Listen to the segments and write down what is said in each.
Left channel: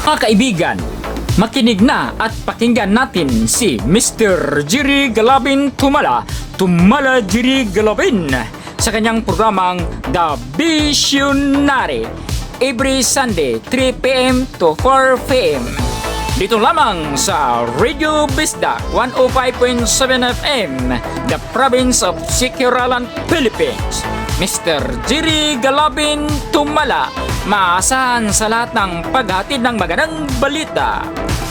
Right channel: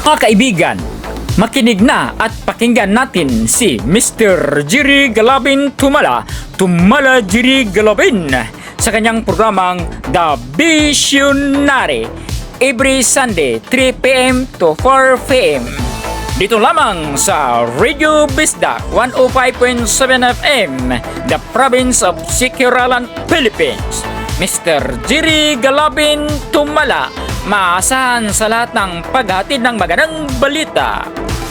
Mga kaibigan, makinig na at pakinggan natin si Mr. Jerry Galabin Tumala Jerry Galabin sa kanyang programang The Visionary every Sunday 3 p.m. to 4 p.m. Dito lamang sa Radio Bisdak 105.7 FM, the province of Sikiralan, Philippines. Mr. Jerry Galabin Tumala, maasahan sa lahat ng paghatid ng magandang balita.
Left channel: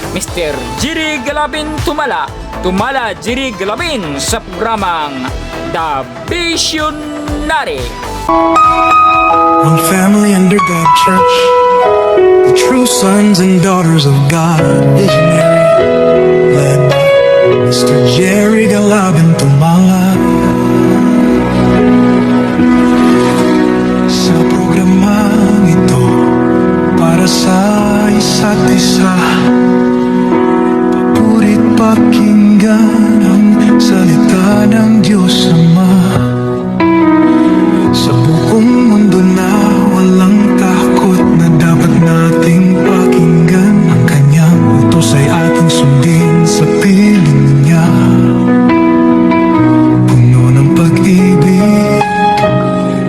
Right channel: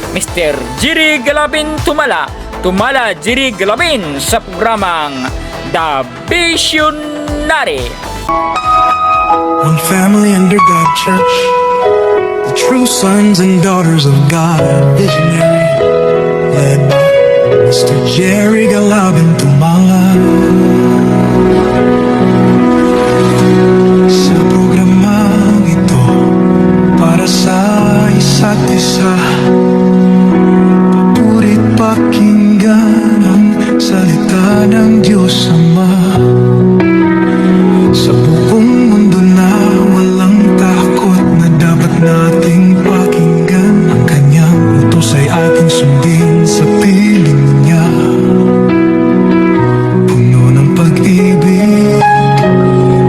Mr. Jerry Galabin Tumala Jerry Galabin sa programang The Visionary. One family under God Church, the true sons and daughters of God, visionary, led by Mr. Jerry Galabin Tumala. Sa programang ito, para sa isa't isa, papurit pakinggan ang salita ng Diyos Ama. Sa buong mundo na walang takot na dapat nating pakinggan, ang kanyang utos ay ating sundin sa piling niya. Puno ng pag-ibig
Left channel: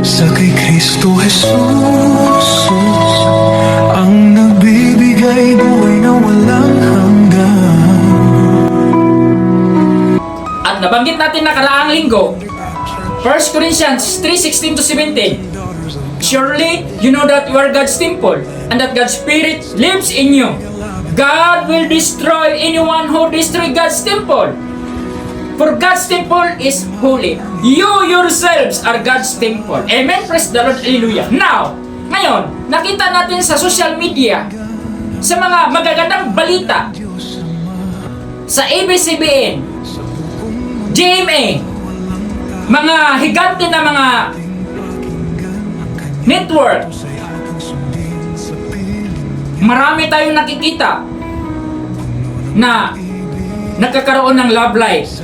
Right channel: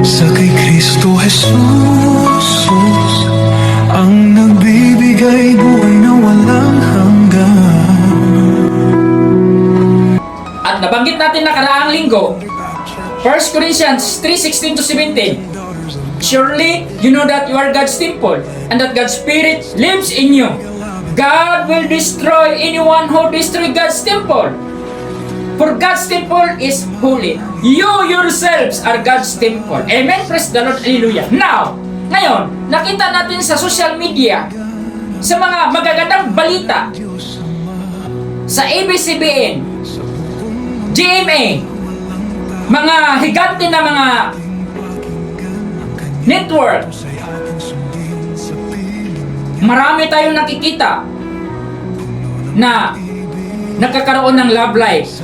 sa kay Kristo Jesus, ang nagbibigay buhay na walang hanggan. At nabanggit natin nakaraang linggo, 1 Corinthians 3:16-17. Surely you know that you are God's temple and that God's Spirit lives in you. God will destroy anyone who destroys God's temple. For God's temple is holy. You yourselves are God's temple. Amen. Praise the Lord. Hallelujah. Now, ngayon, nakita natin sa social media, sa mga magagandang balita, sa ABS-CBN, GMA, mga higante na mga network, marami tayong nakikita na nagkakaroon ng love life,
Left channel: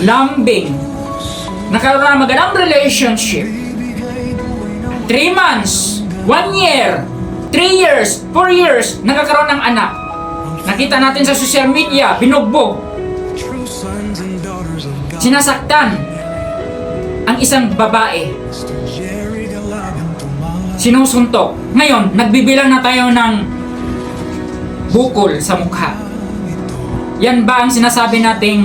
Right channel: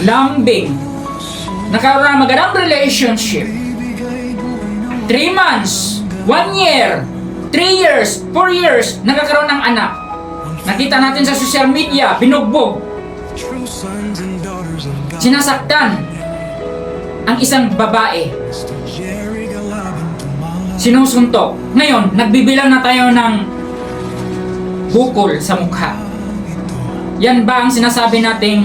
lambing, nagkaroon ng magandang relationship, 3 months, 1 year, 3 years, 4 years, nagkakaroon ng anak. Nakita natin sa social media, binugbog, sinasaktan ang isang babae, sinusuntok. Ngayon, nagbibilang na tayo ng bukol sa mukha. Yan ba ang sinasabi nating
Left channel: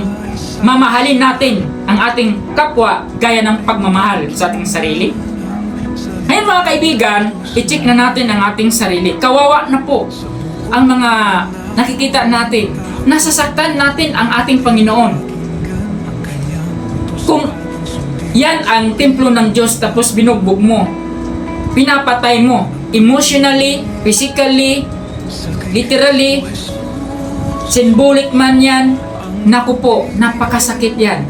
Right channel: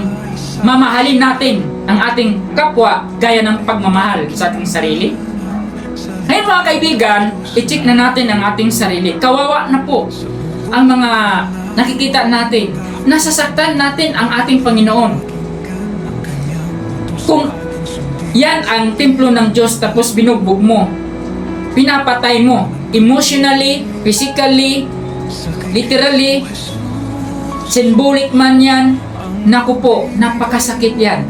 mamahalin natin ang ating kapwa gaya ng pagmamahal sa ating sarili? Ngayon mga kaibigan, i-check na natin ang ating sarili. Kawawa na po ang mga nakikita natin. Nasasaktan natin ang ating Panginoon. Kung yan ang templo ng Diyos tapos binugbog mo, pinapatay mo, emotionally, physically, literally, symbolic man yan, naku po, napakasakit yan.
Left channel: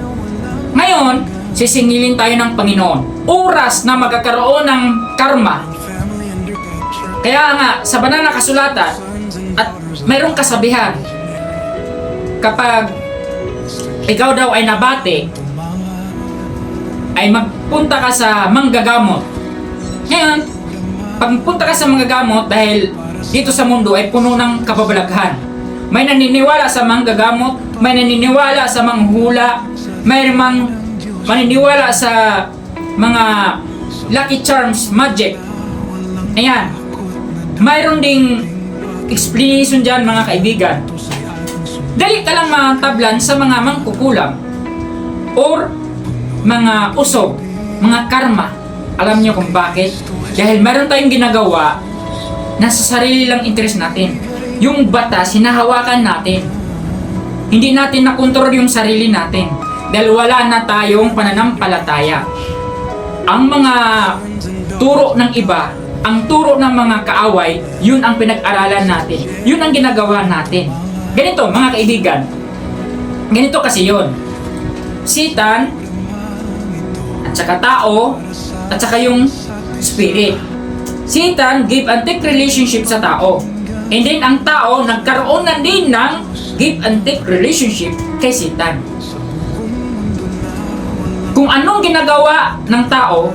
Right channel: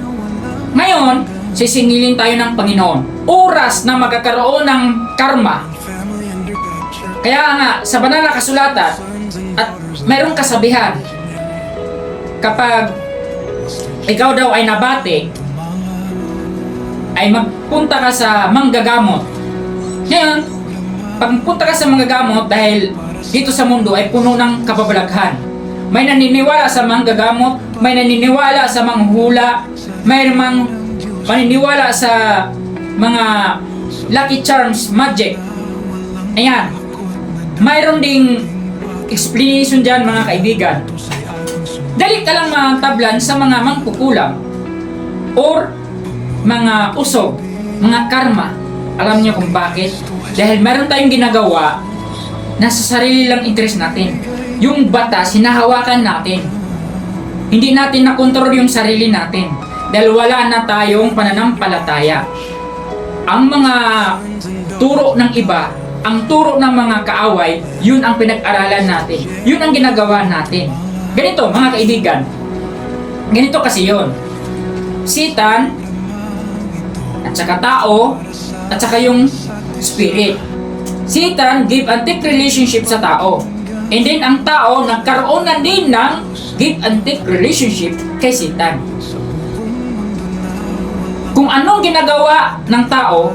Ngayon, sisingilin tayo ng Panginoon. Oras na magkakaroon ng karma. Kaya nga, sa banal na kasulatan, at mayroong kasabihan, kapag ikaw daw ay nabate, ay magpunta ka sa manggagamot. Ngayon, pagpunta ka sa manggagamot dahil dito sa mundo ay puno ng kababalaghan. May naniniwala sa manggagamot, may naniniwala sa manghula, may maniniwala sa mga lucky charms, magic. Ayan. Mayroon ding explanation dyan mga kaibigan. Dali ka lang matablan sa mga mangkukulam or mga usog, mga karma. Alam niyo kung bakit? Dahil meron tayong ginagawa na sa sarili lang interest natin. Yung batas, hinahawakan natin. Hindi natin nakontrol yung sarili natin. Dahil wala na tayong pananampalataya. Ang mga turo ng iba, ang turo ng mga kaaway, yun ang pinag-aralan natin. Yun ang ginagawa natin. Ganito, mga kaibigan. Ganito kasi yun. Satan, at saka tao, at saka yung spirit. Satan give and take relationship sa tao. And then ang tao nagkaroon na din ng give and take relationship kay Satan. Kung anong ginagawa ng tao,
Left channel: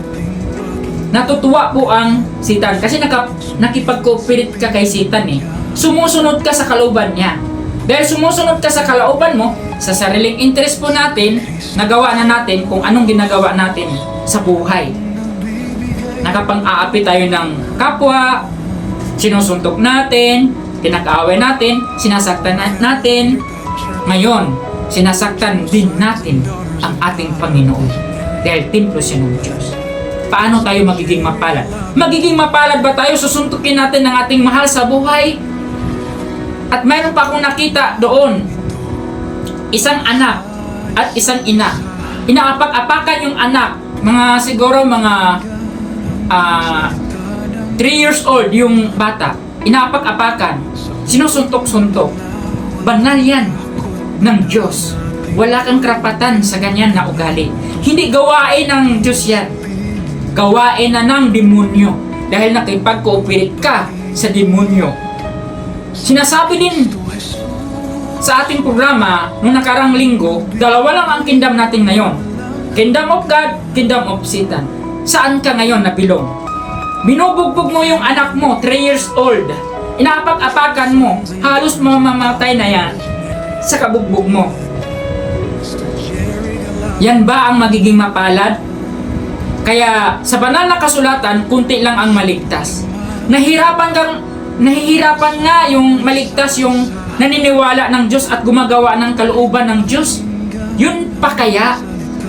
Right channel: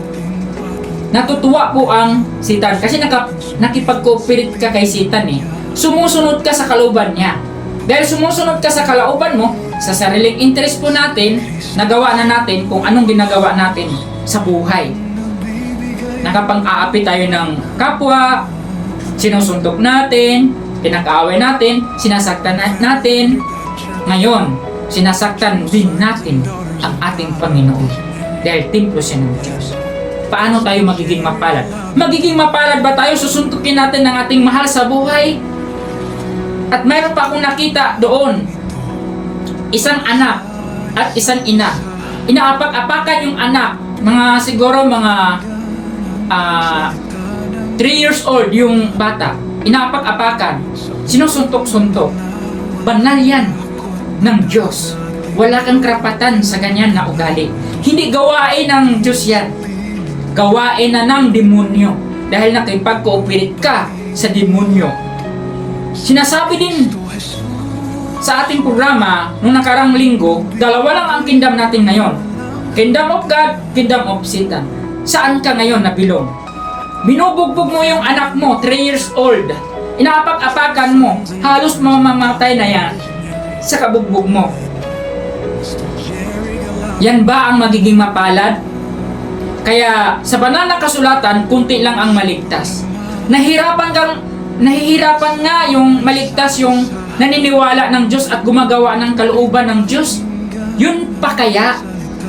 natutuwa po ang Satan kasi nakipag-cooperate ka kay Satan eh. sumusunod ka sa kalooban niya. Dahil sumusunod ka sa kalooban mo, sa sariling interest po natin, nagawa na natin kung anong ginagawa natin sa buhay. Nakapang-aapi tayo ng kapwa, sinusuntok natin, pinag-aaway natin, sinasaktan natin. Ngayon, sinasaktan din natin ang ating Panginoon. Dahil templo siya ng Diyos. Paano tayo magiging mapalad? Magiging mapalad ba tayo? Susuntukin natin ang ating mahal sa buhay? At mayroon pa akong nakita doon, isang anak at isang ina. Inaapak-apakan yung anak, siguro mga 3 years old yung bata. Inaapak-apakan, sinusuntok-suntok. Banal yan ng Diyos. Wala kang karapatan sa ganyan na ugali. Hindi gawain ng Diyos yan. Gawain na ng demonyo. Dahil nakipag-cooperate ka sa demonyo. Sinasabi din sa ating programa nung nakarang linggo, dalawa lang ang kingdom natin ngayon. Kingdom of God, kingdom of Satan. Saan ka ngayon nabilong? Binubugbog mo yung anak mo, 3 years old. Inaapak-apakan mo, halos mamamatay na yan sa kabugbog mo. Yan ba ang magiging mapalad? Kaya sa banal na kasulatan, kunti lang ang maligtas. Nahihirapan nga yung maligtas, yung naniniwala ng Diyos at gumagawa ng kalooban ng Diyos. Yun pa kaya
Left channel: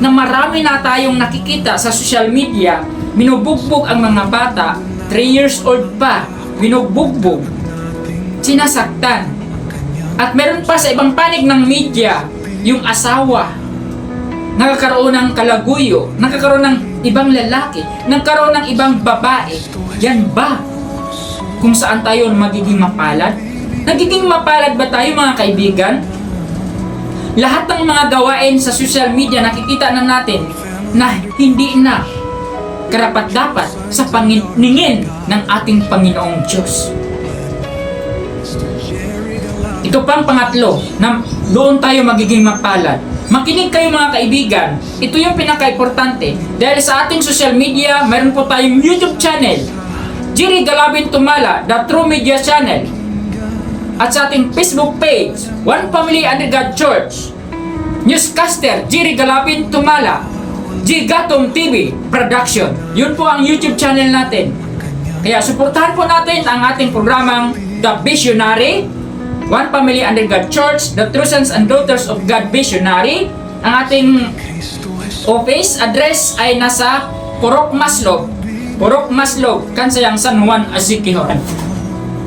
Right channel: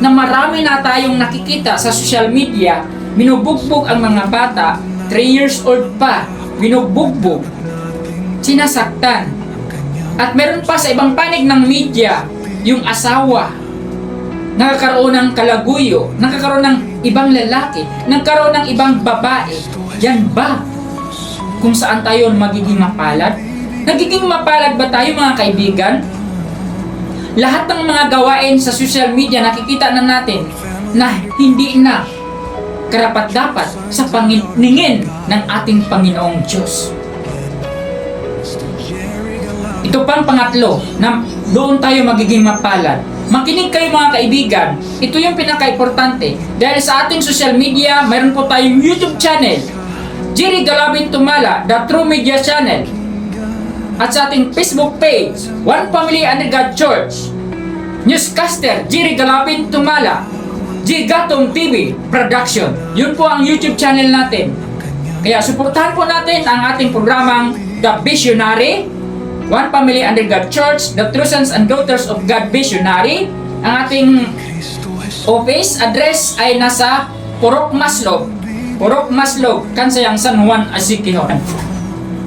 na marami na tayong nakikita sa social media, binubugbog ang mga bata, 3 years old pa, binubugbog, sinasaktan. At meron pa sa ibang panig ng media, yung asawa, nakakaroon ng kalaguyo, nakakaroon ng ibang lalaki, nagkaroon ng ibang babae. Yan ba kung saan tayo magiging mapalad? Nagiging mapalad ba tayo mga kaibigan? Lahat ng mga gawain sa social media nakikita na natin na hindi na karapat-dapat sa paningin ng ating Panginoong Diyos. Ito pang pangatlo na doon tayo magiging mapalad. Makinig kayo mga kaibigan, ito yung pinaka-importante. Dahil sa ating social media, mayroon po tayong YouTube channel, Jerry Galabin Tumala, The True Media Channel. At sa ating Facebook page, One Family Under God Church, Newscaster, Jerry Galabin Tumala, G. Gatong TV Production. Yun po ang YouTube channel natin. Kaya suportahan po natin ang ating programang The Visionary, One Family Under God Church, The True Sons and Daughters of God Visionary. Ang ating office address ay nasa Purok Maslog, Kansayang, San Juan, Asiquijao.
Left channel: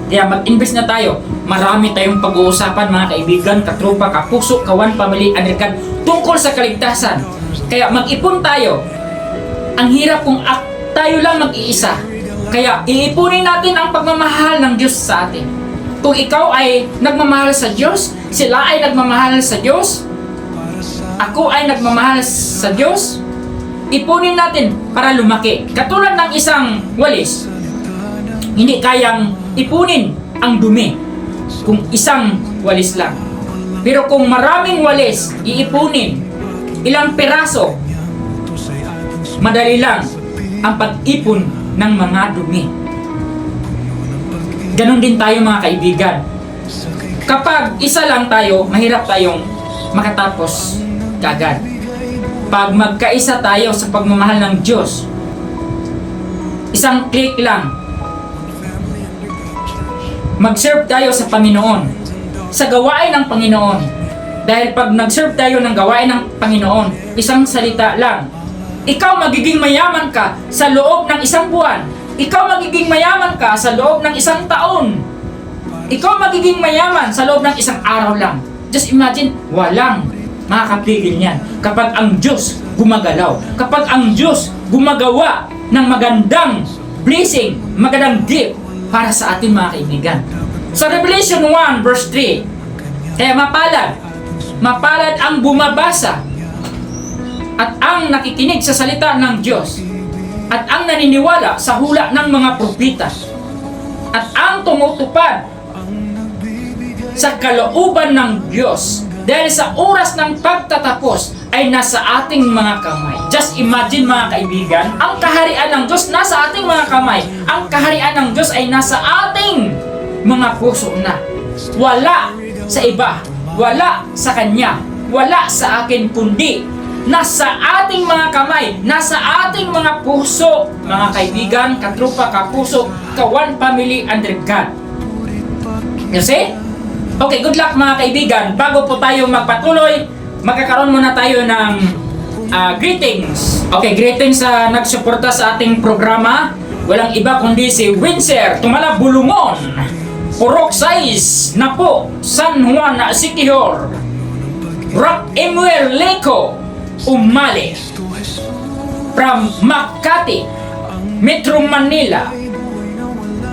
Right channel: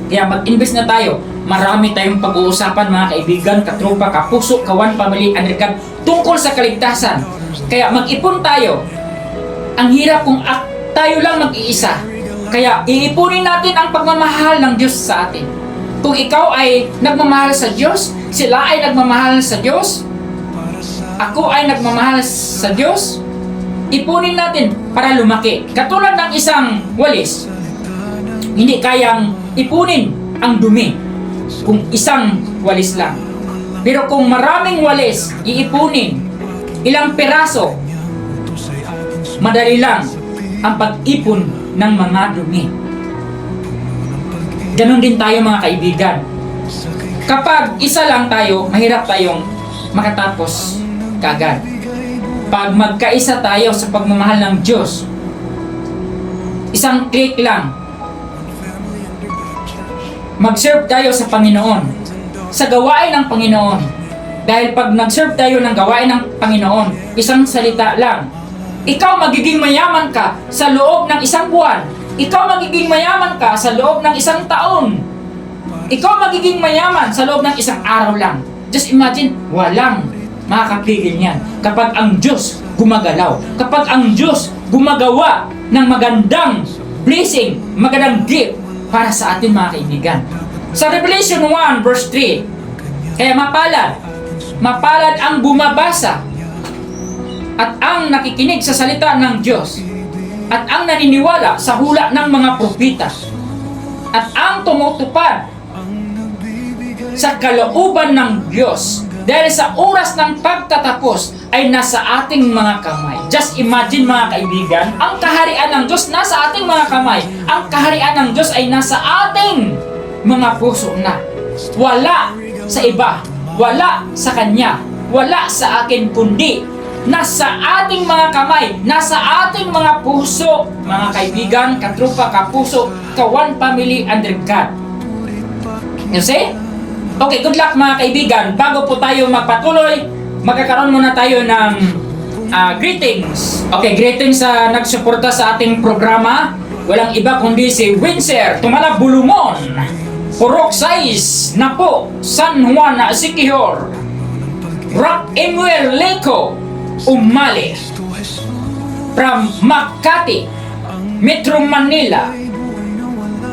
Kaya mag-invest na tayo. Marami tayong pag-uusapan mga kaibigan, katropa, kapuso, kawan, family, American, tungkol sa kaligtasan. Kaya mag-ipon tayo. Ang hirap kung tayo lang mag-iisa. Kaya iipunin natin ang pagmamahal ng Diyos sa atin. Kung ikaw ay nagmamahal sa Diyos, sila ay nagmamahal sa Diyos, ako ay nagmamahal sa Diyos, ipunin natin para lumaki. Katulad ng isang walis, hindi kayang ipunin ang dumi kung isang walis lang. Pero kung maraming walis iipunin, ilang peraso, madali lang ang pag-ipon ng mga dumi. Ganon din tayo mga kaibigan. Kapag isa lang tayo, mahirap tayong makatapos kagad. Pag magkaisa tayo sa pagmamahal ng Diyos, isang click lang, mag-serve tayo sa Panginoon, sa gawain ng Panginoon. Dahil pag nag-serve tayo ng gawain ng Panginoon, isang salita lang, ikaw magiging mayaman ka sa loob ng isang buwan. Ikaw magiging mayaman ka sa loob ng isang taon. Ikaw magiging mayaman sa loob ng isang araw lang. Just imagine, walang makakapigil niyan. Kapag ang Diyos gumagalaw, kapag ang Diyos gumagawa ng magandang blessing, magandang gift para sa ating mga kaibigan. Sa Revelation 1 verse 3, kaya mapalad ang bumabasa at ang nakikinig sa salita ng Diyos at ang naniniwala sa hula ng mga propeta at ang tumutupad sa kalooban ng Diyos dahil sa oras ng pagtatapos ay nasa ating mga kamay. Just imagine mga kaibigan, ang kaharian ng Diyos nasa ating mga kamay. Ang kaharian ng Diyos ay nasa ating mga puso na. Wala sa iba, wala sa kanya, wala sa akin, kundi nasa ating mga kamay, nasa ating mga puso, mga kaibigan, katrupa, kapuso, ka-one family under God. You see? Okay, good luck mga kaibigan. Bago po tayo magpatuloy, magkakaroon muna tayo ng greetings. Okay, greetings sa nagsuporta sa ating programa. Walang iba kundi si Windsor Tumalab Bulumon, Purok Sais na po, San Juan Siquijor, Rock Emuel Leco Umali, from Makati, Metro Manila,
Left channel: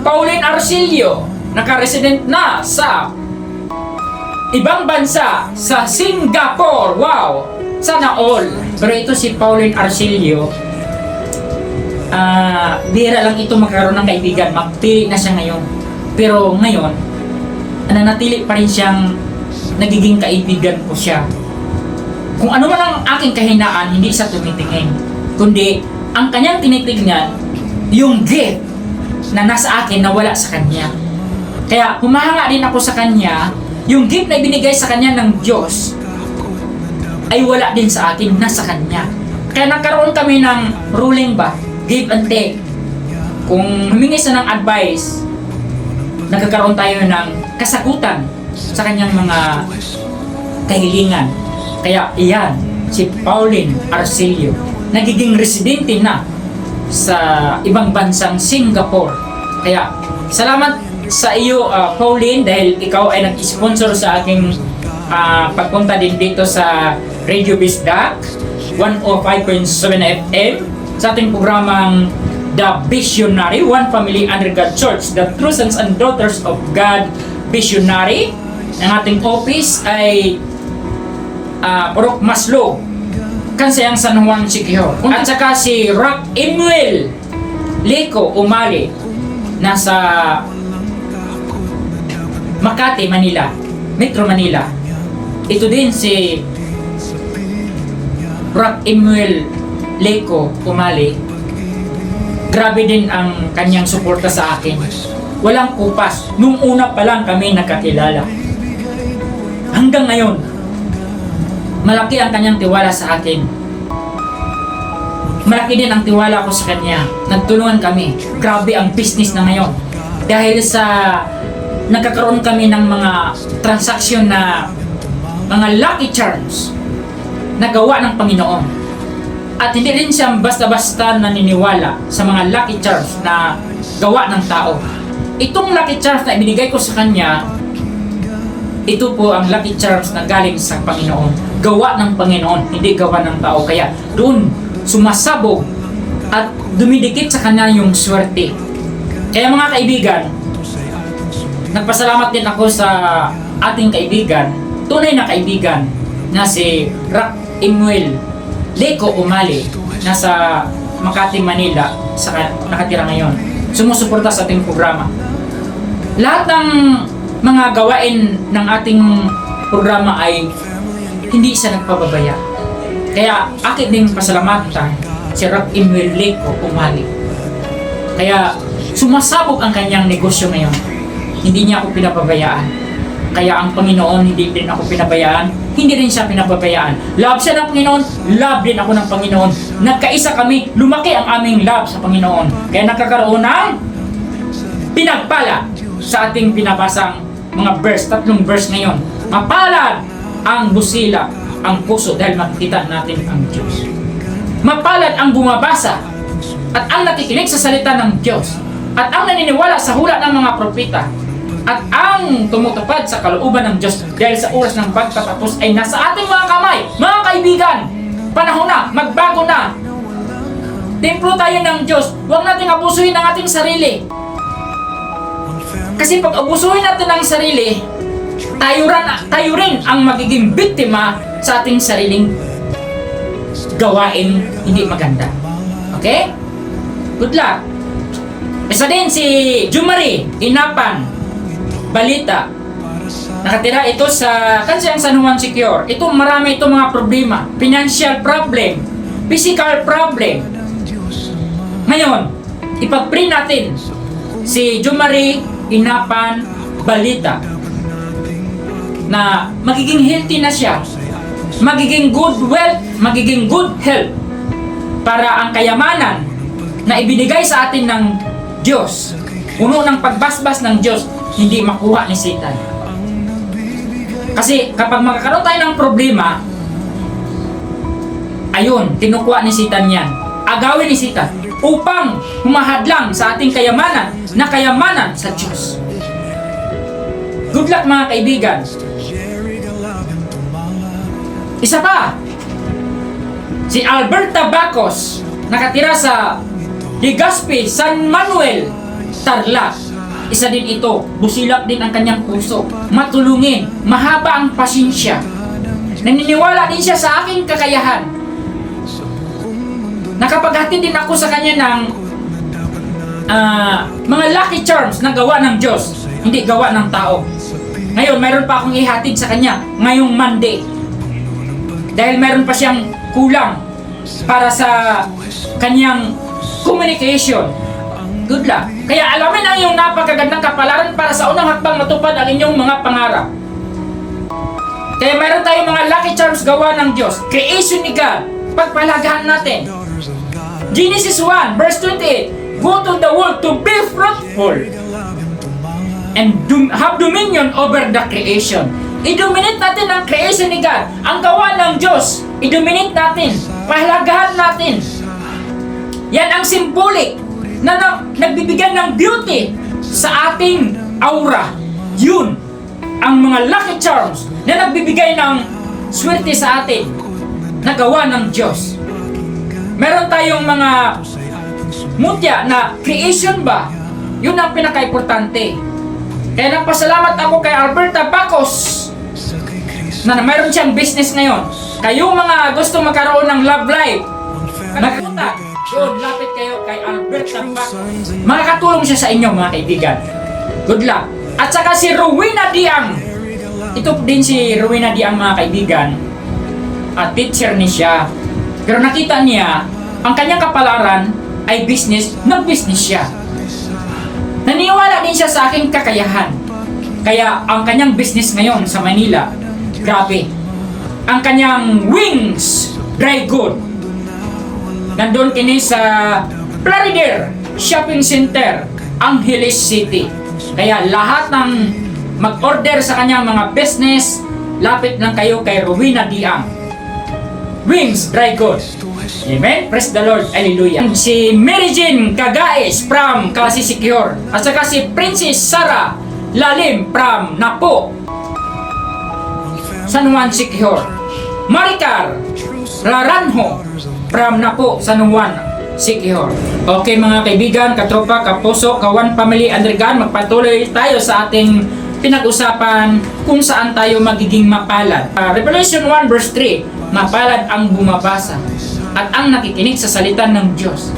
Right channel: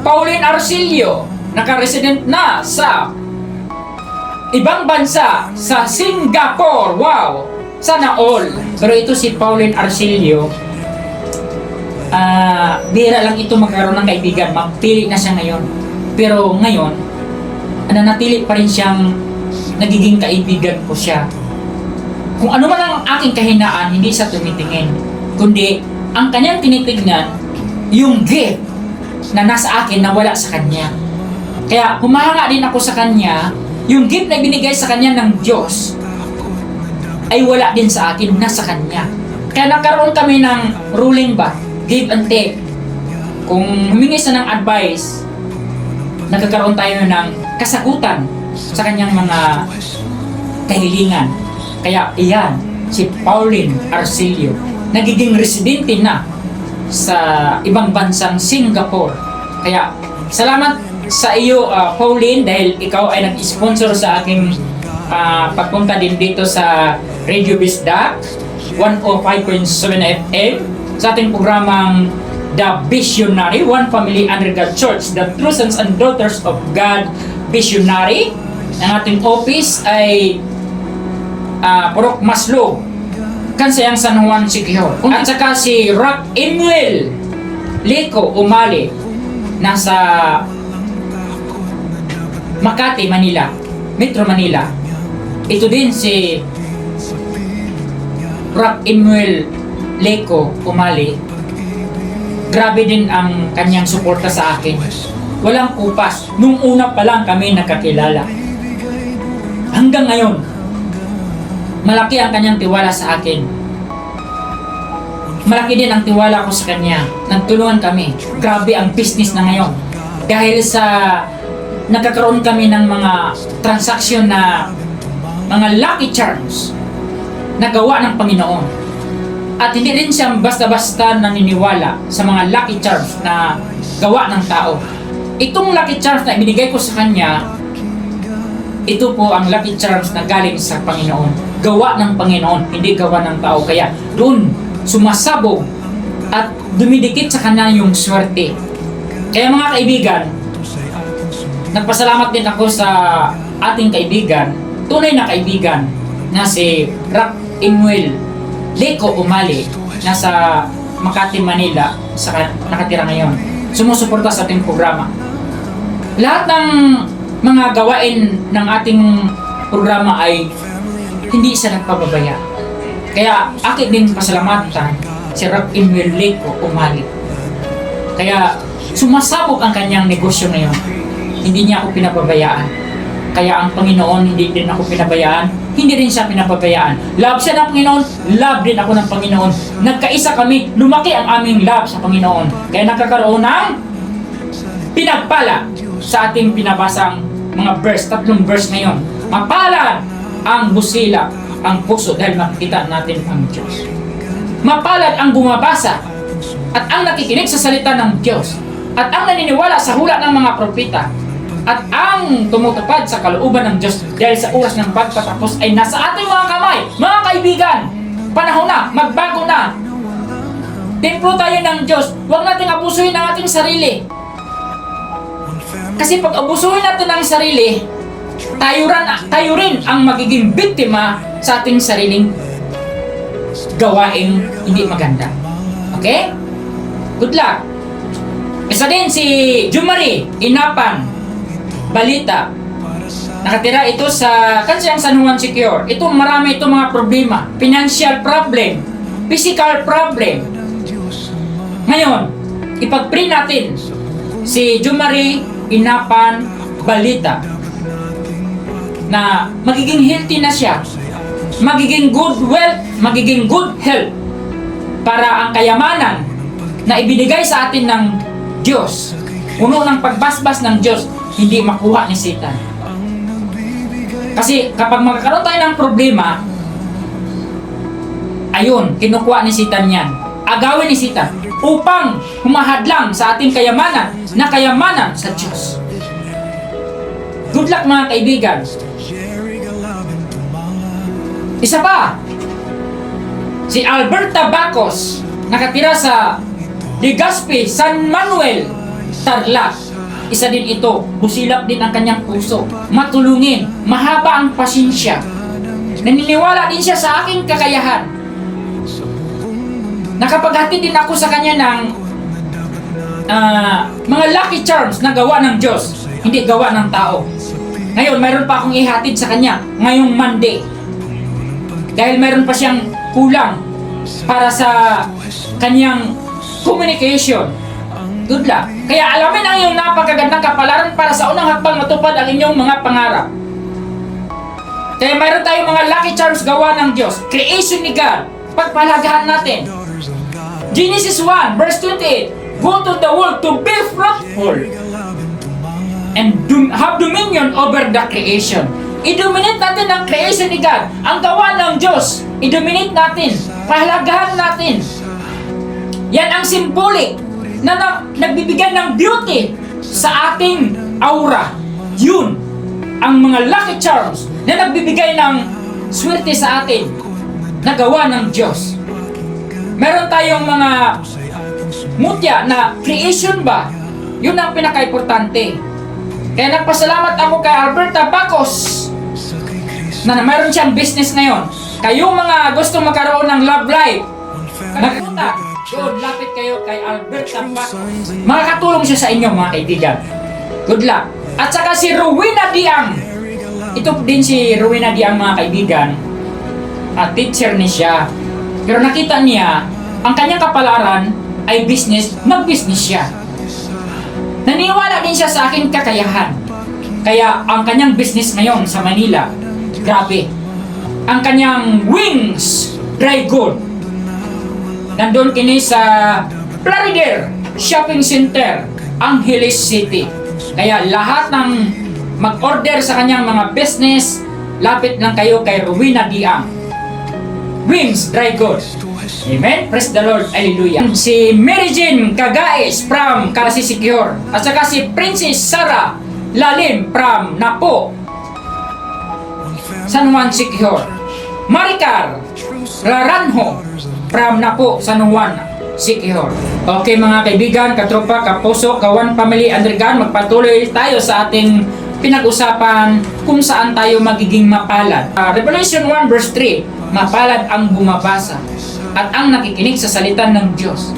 Pauline Arcilio, naka-resident na sa ibang bansa, sa Singapore. Wow! Sana all. Pero ito si Pauline Arcilio, bihira lang ito magkaroon ng kaibigan. Magpili na siya ngayon. Pero ngayon, nanatili pa rin siyang nagiging kaibigan ko siya. Kung ano man ang aking kahinaan, hindi siya tumitingin. Kundi, ang kanyang tinitignan, yung gift na nasa akin na wala sa kanya. Kaya, humahanga din ako sa kanya, yung gift na binigay sa kanya ng Diyos, ay wala din sa akin, nasa kanya. Kaya nagkaroon kami ng ruling ba, give and take. Kung humingi siya ng advice, nagkakaroon tayo ng kasagutan sa kanyang mga kahilingan. Kaya iyan, si Pauline Arcilio, nagiging residente na sa ibang bansang Singapore. Kaya salamat sa iyo, Pauline, dahil ikaw ay nag-sponsor sa aking pagpunta din dito sa Radio Bisdak 105.7 FM sa ating programang The Visionary, One Family Under God Church, the True Sons and Daughters of God Visionary. Ang ating office ay Purok Maslo, Kansayang San Juan Siquijor. At saka si Rock Emuel Leco Umali, nasa Makati, Manila, Metro Manila. Ito din si Rock Emuel Leco Umali. Grabe din ang kanyang suporta sa akin. Walang kupas. Nung una pa lang kami nagkakilala. Hanggang ngayon, malaki ang kanyang tiwala sa akin. Malaki din ang tiwala ko sa kanya. Nagtulungan kami. Grabe ang business na ngayon. Dahil sa nagkakaroon kami ng mga transaksyon na mga lucky charms na gawa ng Panginoon. At hindi rin siya basta-basta naniniwala sa mga lucky charms na gawa ng tao. Itong lucky charms na ibinigay ko sa kanya, ito po ang lucky charms na galing sa Panginoon. Gawa ng Panginoon, hindi gawa ng tao. Kaya doon sumasabog at dumidikit sa kanya yung swerte. Kaya mga kaibigan, nagpasalamat din ako sa ating kaibigan, tunay na kaibigan, na si Rock Emuel Leco Umali, nasa Makati, Manila, nakatira ngayon. Sumusuporta sa ating programa. Lahat ng mga gawain ng ating programa ay hindi siya nagpababaya. Kaya akin din pasalamatan si Rock Emuel Leco Umali. Kaya sumasabog ang kanyang negosyo ngayon. Hindi niya ako pinababayaan. Kaya ang Panginoon, hindi din ako pinabayaan. Hindi rin siya pinababayaan. Love siya ng Panginoon, love din ako ng Panginoon. Nagkaisa kami, lumaki ang aming love sa Panginoon. Kaya nagkakaroon ng pinagpala sa ating pinabasang mga verse, 3 verse na yon. Mapalad ang busila, ang puso, dahil makikita natin ang Diyos. Mapalad ang bumabasa at ang nakikinig sa salita ng Diyos at ang naniniwala sa hula ng mga propeta at ang tumutupad sa kalooban ng Diyos, dahil sa oras ng pagtatapos ay nasa ating mga kamay. Mga kaibigan, panahon na, magbago na. Templo tayo ng Diyos. Huwag nating abusuhin ang ating sarili. Kasi pag abusuhin natin ang sarili, tayo rin ang magiging biktima sa ating sariling gawaing hindi maganda. Okay? Good luck. Isa din si Jumari Inapan Balita. Nakatira ito sa Kansayang San Juan Siquijor. Ito marami itong mga problema. Financial problem, physical problem. Ngayon, ipag-pray natin si Jumari Inapan balita na magiging healthy na siya, magiging good wealth, magiging good health, para ang kayamanan na ibinigay sa atin ng Diyos, puno ng pagbasbas ng Diyos, hindi makuha ni Satan. Kasi kapag magkakaroon tayo ng problema, ayun, kinukuha ni Satan yan. Agawin ni Satan upang humahadlang sa ating kayamanan na kayamanan sa Diyos. Good luck mga kaibigan. Isa pa, si Alberta Bacos, nakatira sa Legazpi, San Manuel, Tarlac. Isa din ito, busilak din ang kanyang puso, matulungin, mahaba ang pasensya. Naniniwala din siya sa aking kakayahan. Nakapaghatid din ako sa kanya ng mga lucky charms na gawa ng Diyos, hindi gawa ng tao. Ngayon, mayroon pa akong ihatid sa kanya ngayong Monday. Dahil mayroon pa siyang kulang para sa kanyang communication. Good luck. Kaya alamin ang iyong napakagandang kapalaran para sa unang hakbang matupad ang inyong mga pangarap. Kaya mayroon tayong mga lucky charms gawa ng Diyos. Creation ni God. Pagpalagahan natin. Genesis 1 verse 28. Go to the world to be fruitful and have dominion over the creation. I-dominate natin ang creation ni God. Ang gawa ng Diyos. I-dominate natin. Pahalagahan natin. Yan ang symbolic na nagbibigay ng beauty sa ating aura. Yun ang mga lucky charms na nagbibigay ng swerte sa atin na gawa ng Diyos. Meron tayong mga mutya na creation ba? Yun ang pinaka-importante. Kaya nagpasalamat ako kay Alberta Bacos na mayroon siyang business ngayon. Kayong mga gusto magkaroon ng love life, magpunta, good, lapit kayo kay Alberta Bacos. Makakatulong siya sa inyo mga kaibigan. Good luck. At saka si Rowena Diang. Ito din si Rowena Diang mga kaibigan. At teacher ni siya. Pero nakita niya, ang kanyang kapalaran ay business, mag-business siya. Naniwala din siya sa aking kakayahan. Kaya ang kanyang business ngayon sa Manila, grabe. Ang kanyang wings, dry good. Nandun kini sa Plaridel Shopping Center, Angeles City. Kaya lahat ng mag-order sa kanyang mga business, lapit lang kayo kay Rowena Diang. Wings, dry goods. Amen? Praise the Lord. Hallelujah. Si Mary Jane Cagaes from Kasi Secure. At saka si Princess Sarah Lalim from Napo, San Juan Secure. Maricar Laranjo from Napo, San Juan Secure. Okay mga kaibigan, katropa, kapuso, kawan, family, andrigan, magpatuloy tayo sa ating pinag-usapan kung saan tayo magiging mapalad. Revelation 1 verse 3, mapalad ang bumabasa at ang nakikinig sa salita ng Diyos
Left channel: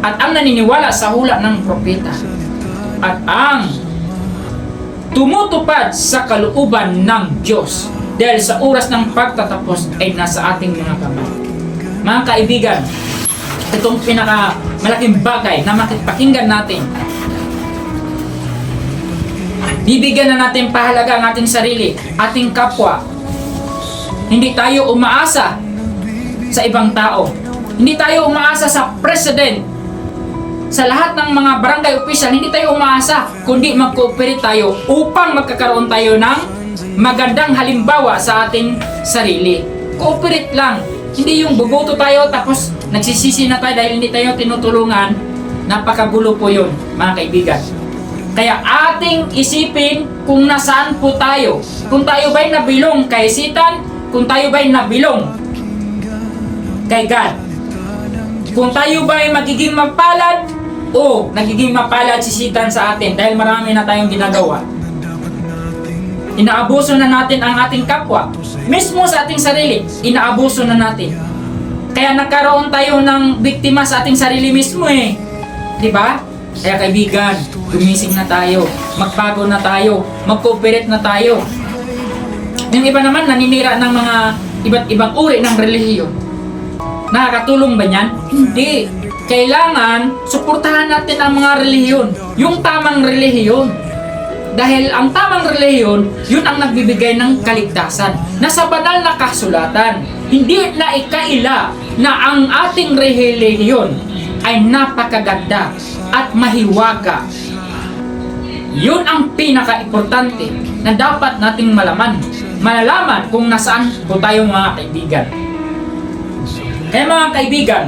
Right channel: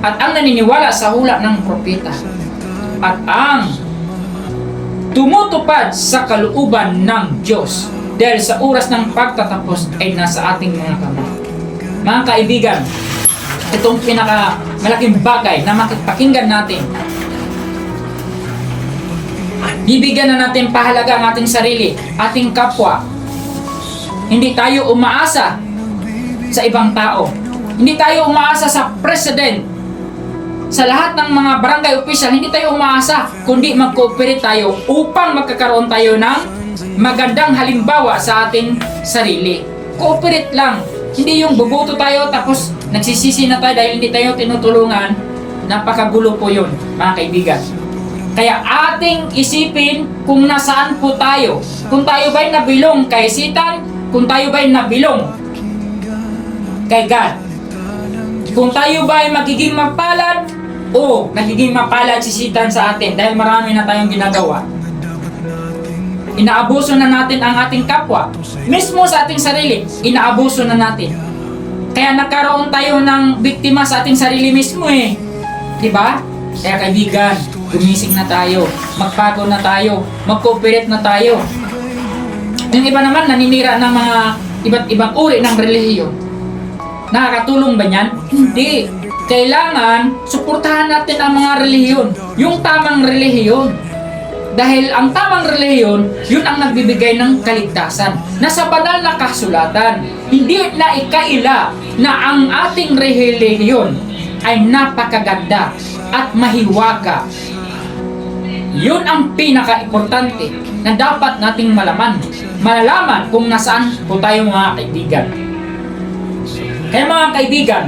at ang naniniwala sa hula ng propeta at ang tumutupad sa kalooban ng Diyos dahil sa oras ng pagtatapos ay nasa ating mga kamay. Mga kaibigan, itong pinakamalaking bagay na makipakinggan natin. Bibigyan na natin pahalaga ang ating sarili, ating kapwa. Hindi tayo umaasa sa ibang tao. Hindi tayo umaasa sa president. Sa lahat ng mga barangay official, hindi tayo umaasa, kundi mag-cooperate tayo upang magkakaroon tayo ng magandang halimbawa sa ating sarili. Cooperate lang. Hindi yung buboto tayo tapos nagsisisi na tayo dahil hindi tayo tinutulungan. Napakagulo po yun, mga kaibigan. Kaya ating isipin kung nasaan po tayo. Kung tayo ba'y nabilong kay Satan, kung tayo ba'y nabilong kay God. Kung tayo ba'y magiging mapalad o nagiging mapalad si Satan sa atin dahil marami na tayong ginagawa. Inaabuso na natin ang ating kapwa. Mismo sa ating sarili, inaabuso na natin. Kaya nagkaroon tayo ng biktima sa ating sarili mismo eh. Diba? Kaya kaibigan, gumising na tayo, magbago na tayo, mag-cooperate na tayo. Yung iba naman naninira ng mga iba't ibang uri ng relihiyon. Nakakatulong ba yan? Hindi. Kailangan suportahan natin ang mga relihiyon, yung tamang relihiyon. Dahil ang tamang reliyon, yun ang nagbibigay ng kaligtasan. Nasa banal na kasulatan, hindi na ikaila na ang ating reliyon ay napakaganda at mahiwaga. Yun ang pinaka-importante na dapat nating malalaman kung nasaan po tayo mga kaibigan. Kaya mga kaibigan,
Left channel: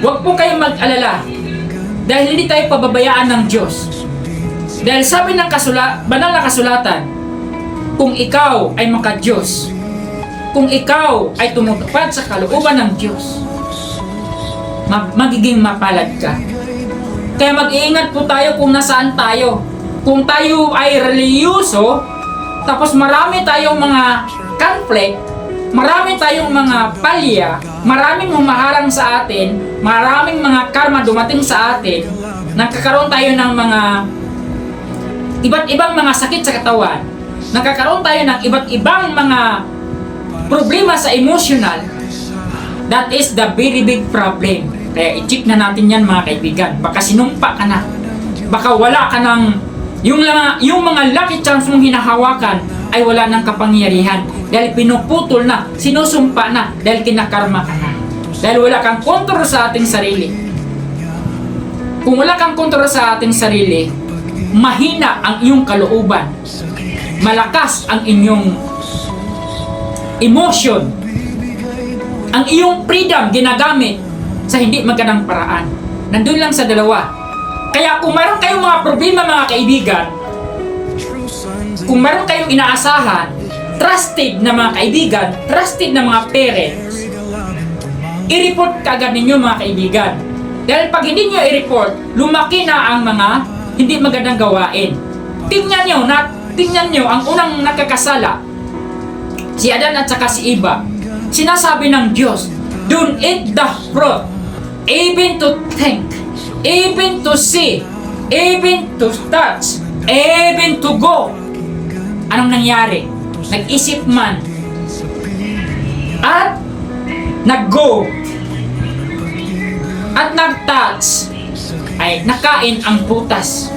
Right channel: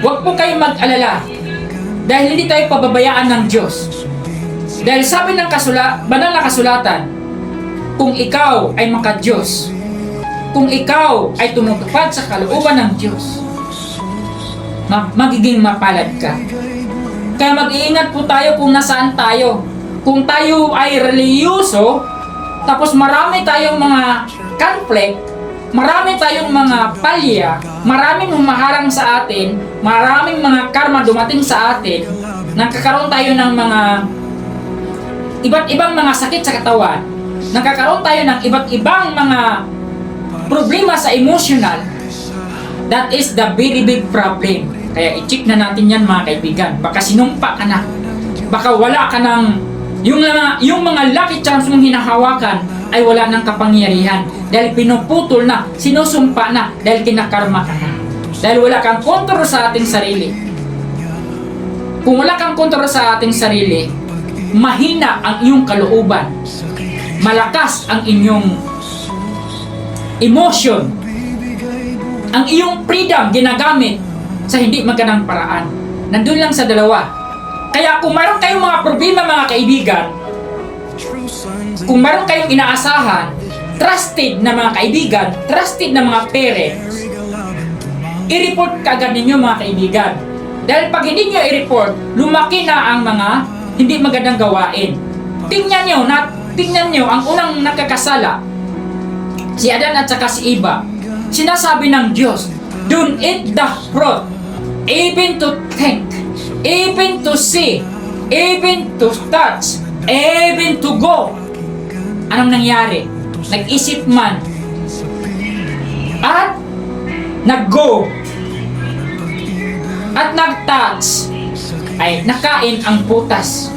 huwag po kayong mag-alala dahil hindi tayo pababayaan ng Diyos. Dahil sabi ng banal na kasulatan, kung ikaw ay maka-Diyos, kung ikaw ay tumutupad sa kalooban ng Diyos, magiging mapalad ka. Kaya mag-iingat po tayo kung nasaan tayo. Kung tayo ay reliyoso, tapos marami tayong mga conflict, marami tayong mga palya, maraming humaharang sa atin, maraming mga karma dumating sa atin, nagkakaroon tayo ng mga iba't ibang mga sakit sa katawan, nagkakaroon tayo ng iba't ibang mga problema sa emotional, that is the very big problem. Kaya i-check na natin yan mga kaibigan. Baka sinumpa ka na, baka wala ka ng yung mga lucky charms mong hinahawakan ay wala ng kapangyarihan dahil pinuputol na, sinusumpa na dahil kinakarma ka na, dahil wala kang kontrol sa ating sarili. Kung wala kang kontrol sa ating sarili, mahina ang iyong kalooban, malakas ang inyong emotion, ang iyong freedom ginagamit sa hindi magandang paraan. Nandun lang sa dalawa. Kaya kung mayroon kayong mga problema mga kaibigan, kung mayroon kayong inaasahan, trusted na mga kaibigan, trusted na mga parents, i-report kagad ninyo mga kaibigan. Dahil pag hindi nyo i-report, lumaki na ang mga hindi magandang gawain. Tingnan nyo ang unang nakakasala, si Adan at saka si Eva. Sinasabi ng Diyos, don't eat the fruit, even to think, even to see, even to touch, even to go. Anong nangyari? Nag-isip man at nag-go at nag-touch, ay nakain ang prutas.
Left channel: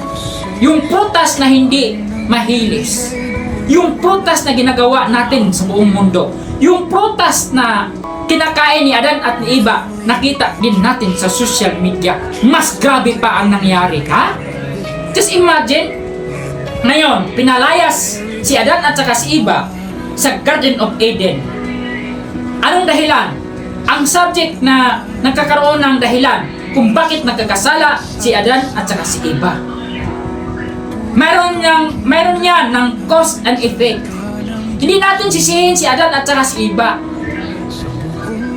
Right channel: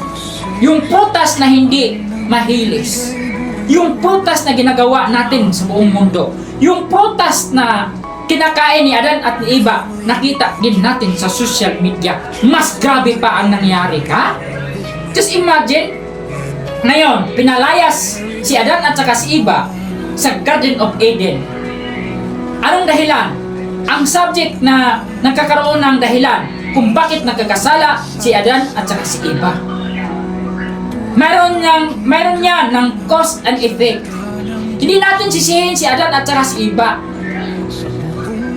Yung prutas na hindi mahilis, yung prutas na ginagawa natin sa buong mundo, yung prutas na kinakain ni Adan at ni Eva, nakita din natin sa social media. Mas grabe pa ang nangyari, ha? Just imagine, ngayon, pinalayas si Adan at saka si Eva sa Garden of Eden. Anong dahilan? Ang subject na nagkakaroon ng dahilan kung bakit nagkakasala si Adan at saka si Eva. Meron yan ng cause and effect. Hindi natin sisihin si Adan at saka si Eva.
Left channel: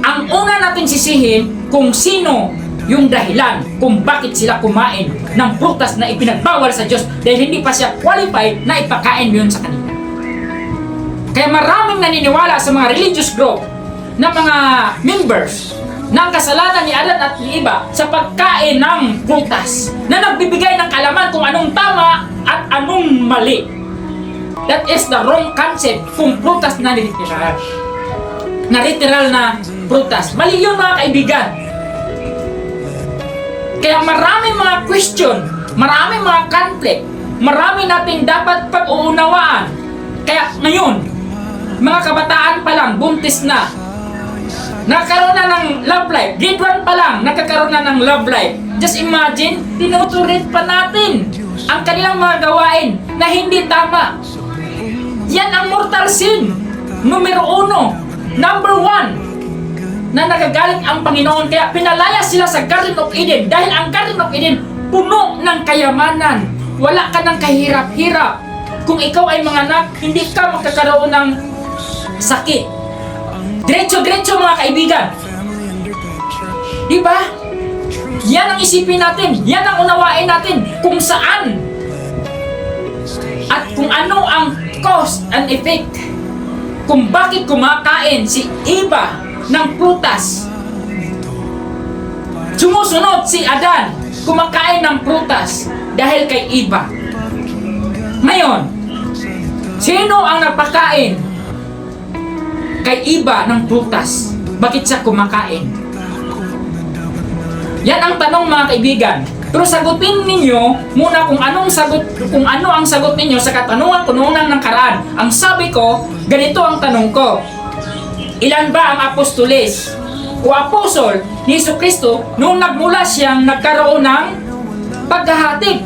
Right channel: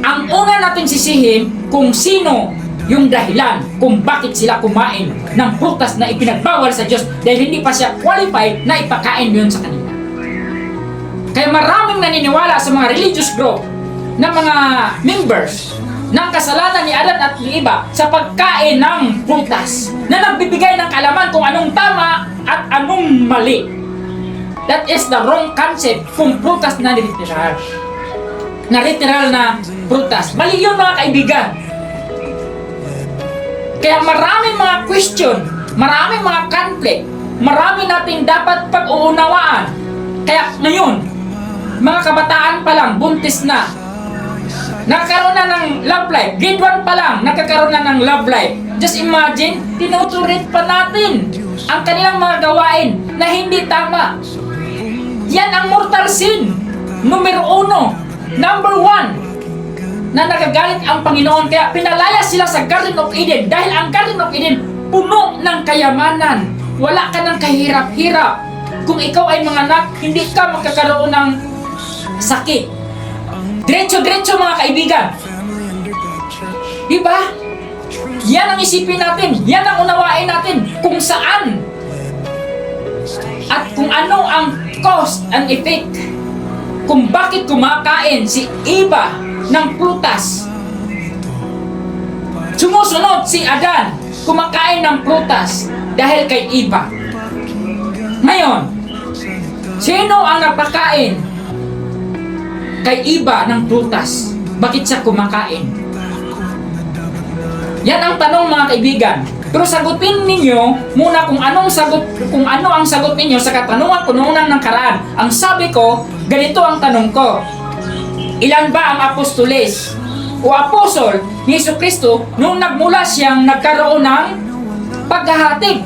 Ang una natin sisihin kung sino yung dahilan kung bakit sila kumain ng prutas na ipinagbawal sa Diyos dahil hindi pa siya qualified na ipakain yun sa kanila. Kaya maraming naniniwala sa mga religious group na mga members ng kasalanan ni Adan at ni Eva sa pagkain ng prutas na nagbibigay ng kalaman kung anong tama at anong mali. That is the wrong concept kung prutas na literal. Na literal na prutas. Mali yun mga kaibigan. Kaya maraming mga question, maraming mga conflict, marami nating dapat pag-uunawaan. Kaya ngayon, mga kabataan pa lang, buntis na, nagkaroon na ng love life. Grade 1 pa lang, nagkakaroon na ng love life. Just imagine, tinuturit pa natin ang kanilang mga gawain na hindi tama. Yan ang mortal sin. Numero 1, number 1, na nagagalit ang Panginoon. Kaya pinalaya sila sa Garden of Eden. Dahil ang Garden of Eden, puno ng kayamanan. Wala ka ng kahirap-hirap. Kung ikaw ay manganak, hindi ka magkakaroon ng sakit. Diretso-diretso mga kaibigan. Diba? Yan ang isipin natin. Yan ang unawain natin. Kung saan at kung ano ang cause and effect. Kung bakit kumakain si Eva ng prutas. Sumusunod si Adan kumakain ng prutas dahil kay Eva. Ngayon, sino ang napakain kay Eva ng prutas? Bakit siya kumakain? Yan ang tanong mga kaibigan. Pero sagutin ninyo muna kung ano ang sagot ninyo sa katanungan ko noong nakaraan. Ang sabi ko, ganito ang tanong ko. Ilan ba ang apostoles o apostol ni Jesucristo nung nagmula siyang nagkaroon ng paghahatid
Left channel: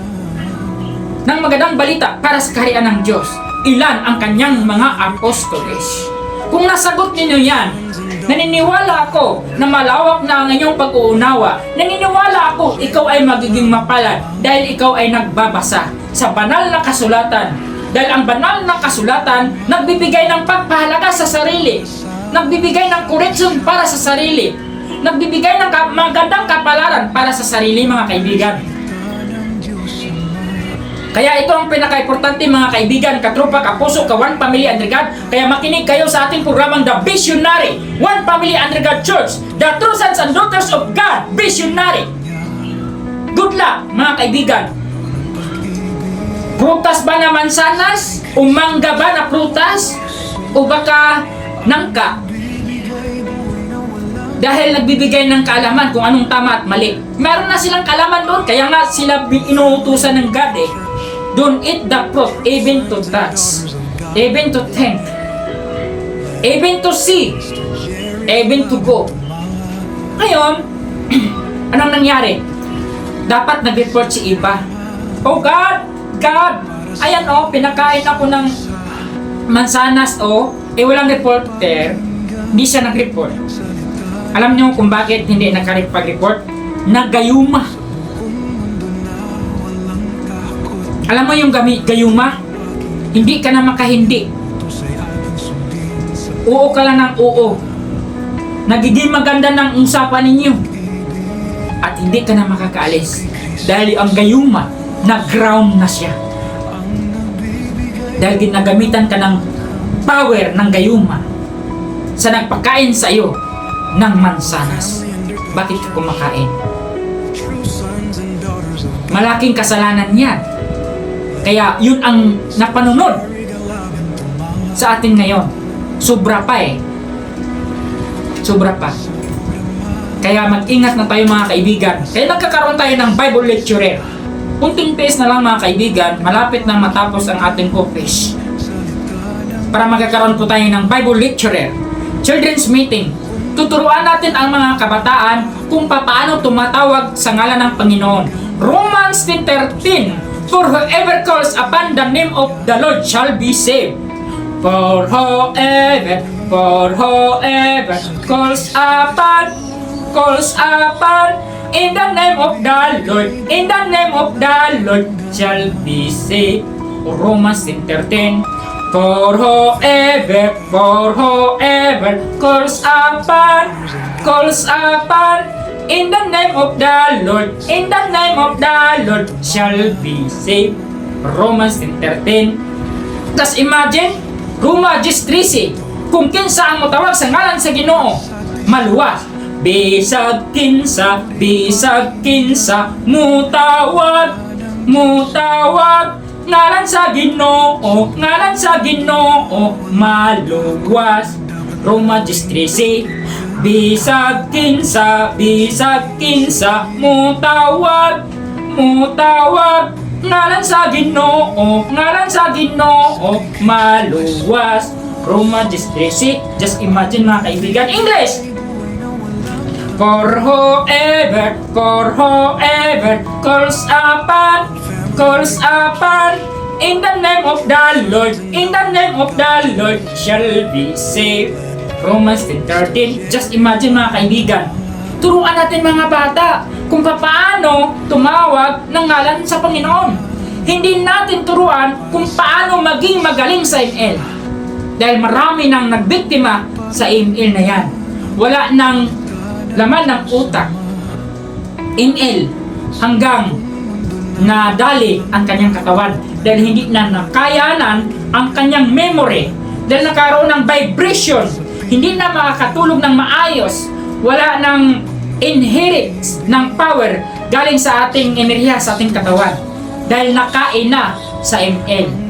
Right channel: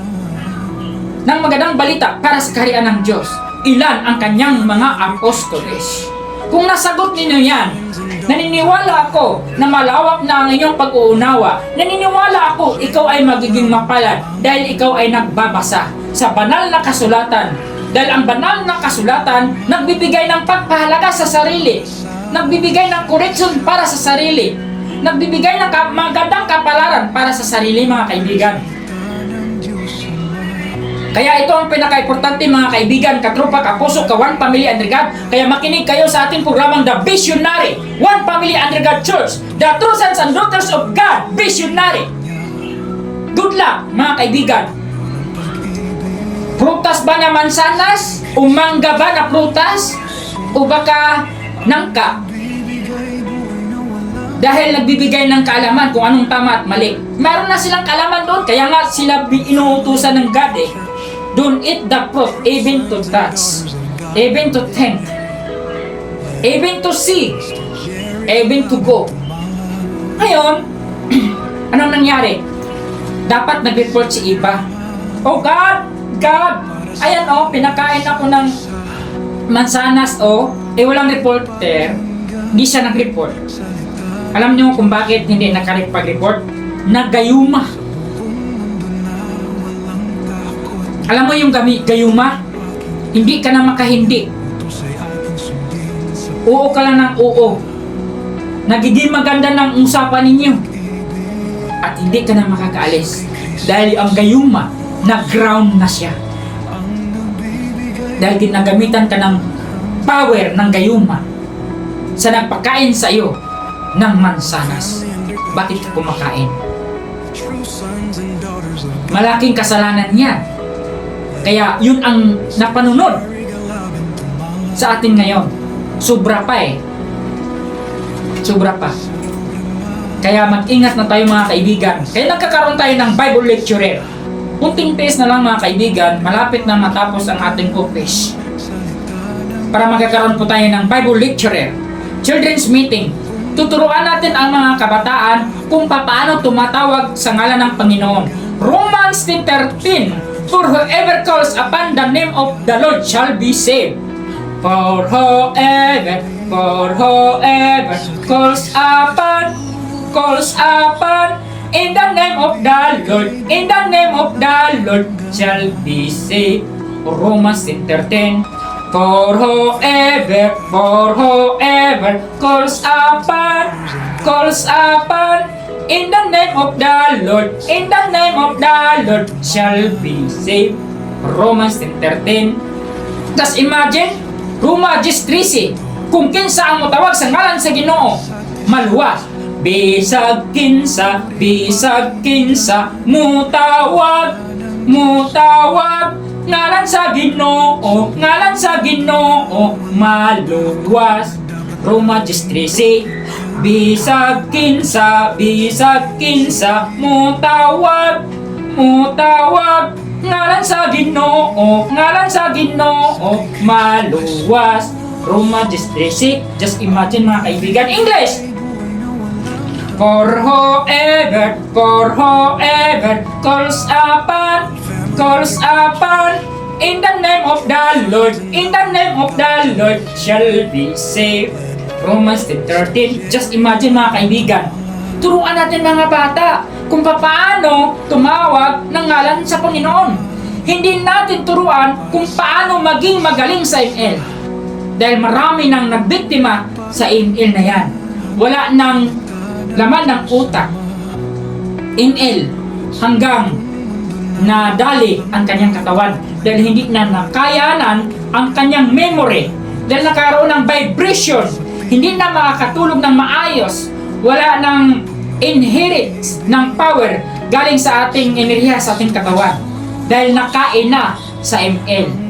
ng magandang balita para sa kaharian ng Diyos? Ilan ang kanyang mga apostoles? Kung nasagot ninyo yan, naniniwala ako na malawak na ang inyong pag-uunawa. Naniniwala ako ikaw ay magiging mapalad dahil ikaw ay nagbabasa sa banal na kasulatan. Dahil ang banal na kasulatan nagbibigay ng pagpahalaga sa sarili, nagbibigay ng correction para sa sarili, nagbibigay ng magandang kapalaran para sa sarili, mga kaibigan. Kaya ito ang pinaka-importante, mga kaibigan, katropa, kapuso, ka-One Family Under God. Kaya makinig kayo sa ating programang The Visionary, One Family Under God Church, the true sons and daughters of God, Visionary. Good luck, mga kaibigan. Prutas ba na mansanas? O mangga ba na prutas? O baka nangka? Dahil nagbibigay ng kaalaman kung anong tama at mali. Meron na silang kaalaman doon, kaya nga sila inuutusan ng God eh. Don't eat the fruit, even to touch, even to think, even to see, even to go. Ngayon, anong nangyari? Dapat nag-report si Eva. Oh God, ayan oh, pinakain ako ng mansanas oh, walang reporter, hindi siya nag-report. Alam niyo kung bakit hindi nakapag-report? Nagayuma. Alam mo yung gayuma? Hindi ka na makahindi. Oo ka lang ng oo. Nagiging maganda ng usapan ninyo. At hindi ka na makakaalis. Dahil ang gayuma, nag-ground na siya. Dahil ginagamitan ka ng power ng gayuma sa nagpakain sa iyo ng mansanas. Bakit ka kumakain? Malaking kasalanan yan. Kaya yun ang napanunod sa atin ngayon. Sobra pa eh. Sobra pa. Kaya mag-ingat na tayo, mga kaibigan. Kaya nagkakaroon tayo ng Bible lecturer. Kunting pace na lang, mga kaibigan, malapit na matapos ang ating office. Para magkakaroon po tayo ng Bible lecturer. Children's meeting. Tuturuan natin ang mga kabataan kung paano tumatawag sa ngalan ng Panginoon. Romans 10:13. For whoever calls upon the name of the Lord shall be saved. For whoever calls upon in the name of the Lord shall be saved. Romans 10:13. For whoever calls upon in the name of the Lord shall be saved. Romans 10:13. Just imagine, Roma 10:13. Kung kinsa ang mutawag sa ngalan sa Ginoo, maluwas. Bisag kinsa, mutawag, ngalan sa Ginoo, maluwas. Roma 10:13. Bisag kinsa, mutawag, ngalan sa Ginoo, maluwas. Roma 10:13. Just imagine, mga kaibigan. English. For whoever calls upon in the name of the Lord shall be saved. Romans 10:13. Just imagine, mga kaibigan. Turuan natin mga bata kung paano tumawag ng ngalan sa Panginoon. Hindi natin turuan kung paano maging magaling sa ML. Dahil marami nang nagbiktima sa ML na yan. Wala nang laman ng utak. ML hanggang nadali ang kanyang katawan. Dahil hindi na nakayanan ang kanyang memory. Dahil nakaroon ng vibration. Hindi na makakatulog ng maayos. Wala nang inherit ng power galing sa ating enerhiya, sa ating katawan. Dahil nakain na sa ML.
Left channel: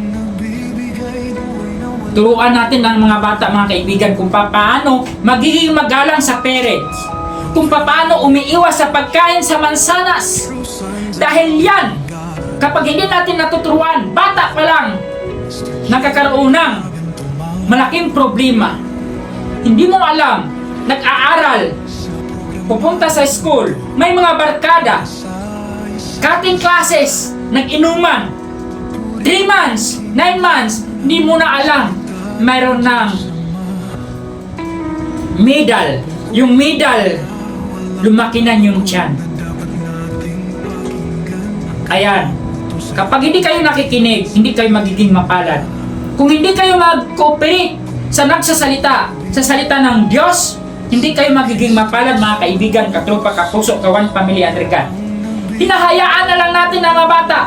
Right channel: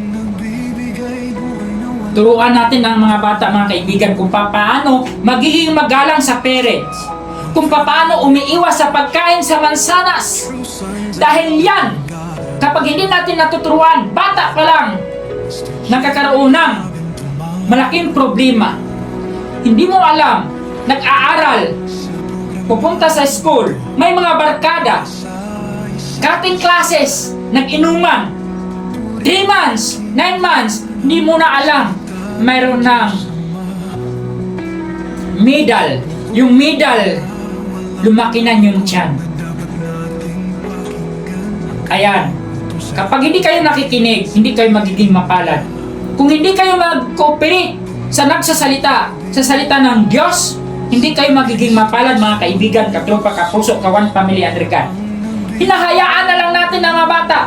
Turuan natin ang mga bata, mga kaibigan, kung paano magiging magalang sa parents. kung paano umiiwas sa pagkain sa mansanas. Dahil yan, kapag hindi natin natuturuan, bata pa lang, nakakaroon ng malaking problema. Hindi mo alam, nag-aaral, pupunta sa school, may mga barkada, cutting classes, nag-inuman, 3 months, 9 months, hindi mo na alam, mayroon ng medal. Yung medal, lumaki na yung tiyan. Ayan, kapag hindi kayo nakikinig, hindi kayo magiging mapalad. Kung hindi kayo mag-cooperate sa nagsasalita, sa salita ng Diyos, hindi kayo magiging mapalad, mga kaibigan, katropa, kapuso, kawan, pamilya, Andrigan. Hinahayaan na lang natin ang mga bata.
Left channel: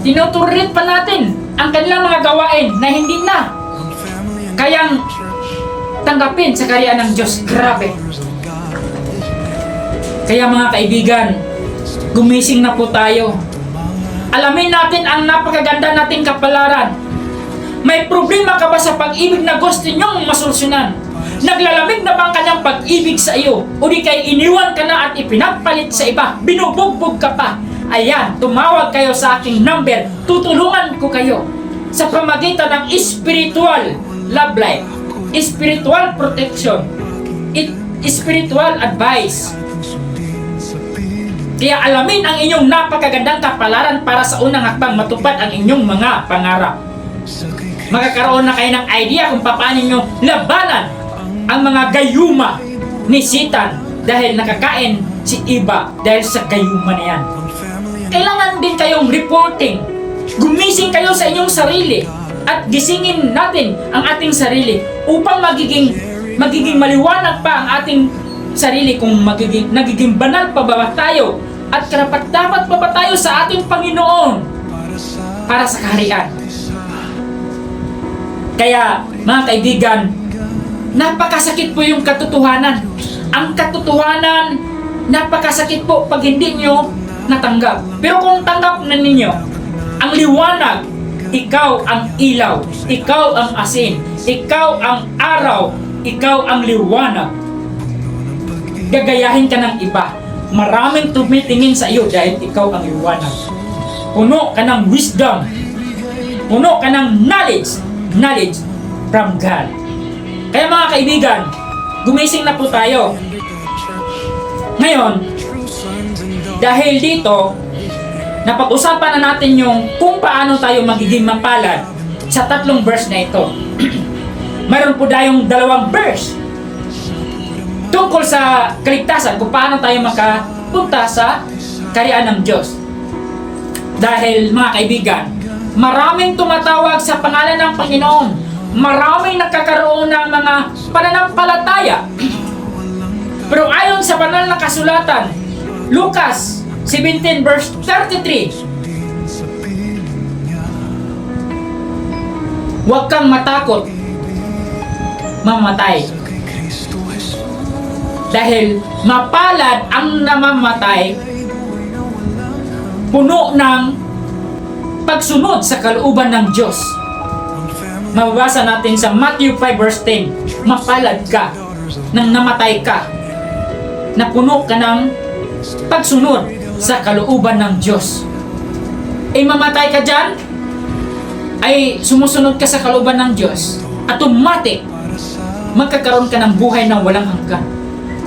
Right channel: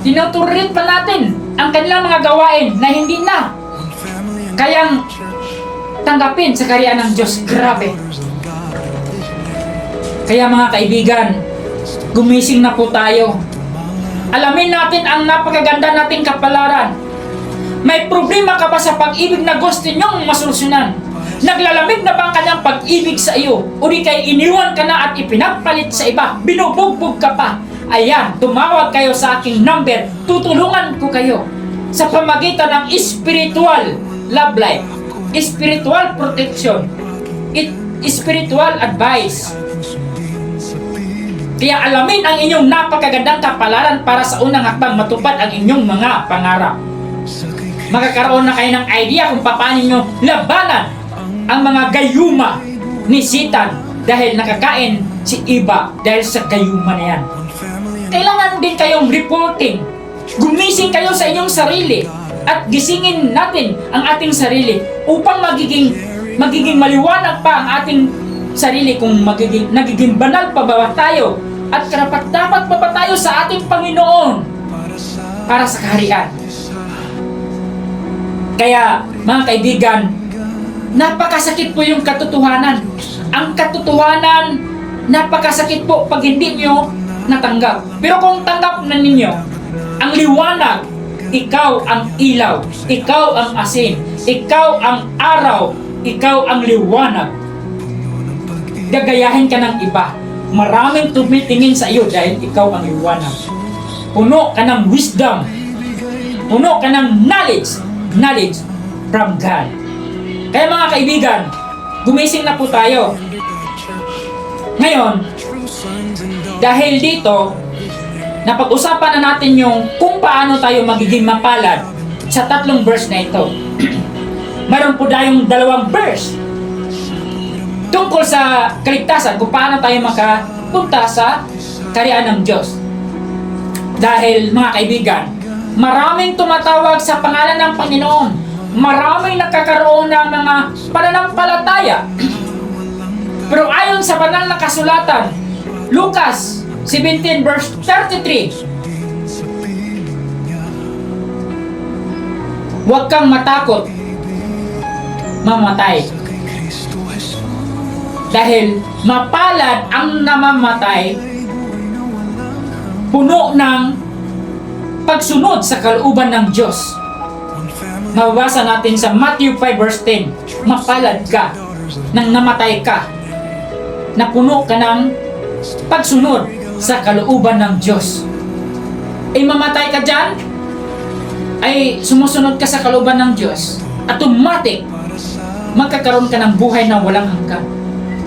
Tinuturit pa natin ang kanilang mga gawain na hindi na kayang tanggapin sa kaharian ng Diyos. Grabe. Kaya mga kaibigan, gumising na po tayo. Alamin natin ang napakaganda nating kapalaran. May problema ka ba sa pag-ibig na gusto nyong masolusyonan? Naglalamig na ba ang kanyang pag-ibig sa iyo? O di kay iniwan ka na at ipinagpalit sa iba? Binubugbog ka pa? Ayan, tumawag kayo sa aking number. Tutulungan ko kayo sa pamagitan ng spiritual love life, spiritual protection, spiritual advice. Kaya alamin ang inyong napakagandang kapalaran para sa unang hakbang matupad ang inyong mga pangarap. Magkakaroon na kayo ng idea kung paano nyo labanan ang mga gayuma ni Satan dahil nakakain si Eva dahil sa gayuma na yan. Kailangan din kayong reporting. Gumising kayo sa inyong sarili at gisingin natin ang ating sarili upang magiging maliwanag pa ang ating sarili kung nagiging banal pa ba tayo at karapat-dapat pa ba tayo sa ating Panginoon para sa kaharian. Kaya mga kaibigan, napakasakit po yung katotohanan. Ang katotohanan, napakasakit po pag hindi nyo natanggap. Pero kung tanggap na ninyo, ang liwanag, ikaw ang ilaw, ikaw ang asin, ikaw ang araw, ikaw ang liwanag. Gagayahin ka ng iba. Maraming tumitingin sa iyo dahil ikaw ang liwanag. Puno ka ng wisdom. Puno ka ng knowledge from God. Kaya mga kaibigan, gumising na po tayo. Ngayon, dahil dito, napag-usapan na natin yung kung paano tayo magiging mapalad sa 3 verse na ito. Mayroon po tayong 2 verse tungkol sa kaligtasan, kung paano tayo makapunta sa kaharian ng Diyos. Dahil mga kaibigan, maraming tumatawag sa pangalan ng Panginoon. Maraming nakakaroon ng mga pananampalataya. Pero ayon sa banal na kasulatan, Lucas 17 verse 33, huwag kang matakot mamatay. Dahil mapalad ang namamatay puno ng pagsunod sa kalooban ng Diyos. Mababasa natin sa Matthew 5 verse 10, mapalad ka nang namatay ka na puno ka ng pagsunod sa kalooban ng Diyos. Ay mamatay ka dyan, ay sumusunod ka sa kalooban ng Diyos, automatic magkakaroon ka ng buhay na walang hanggan.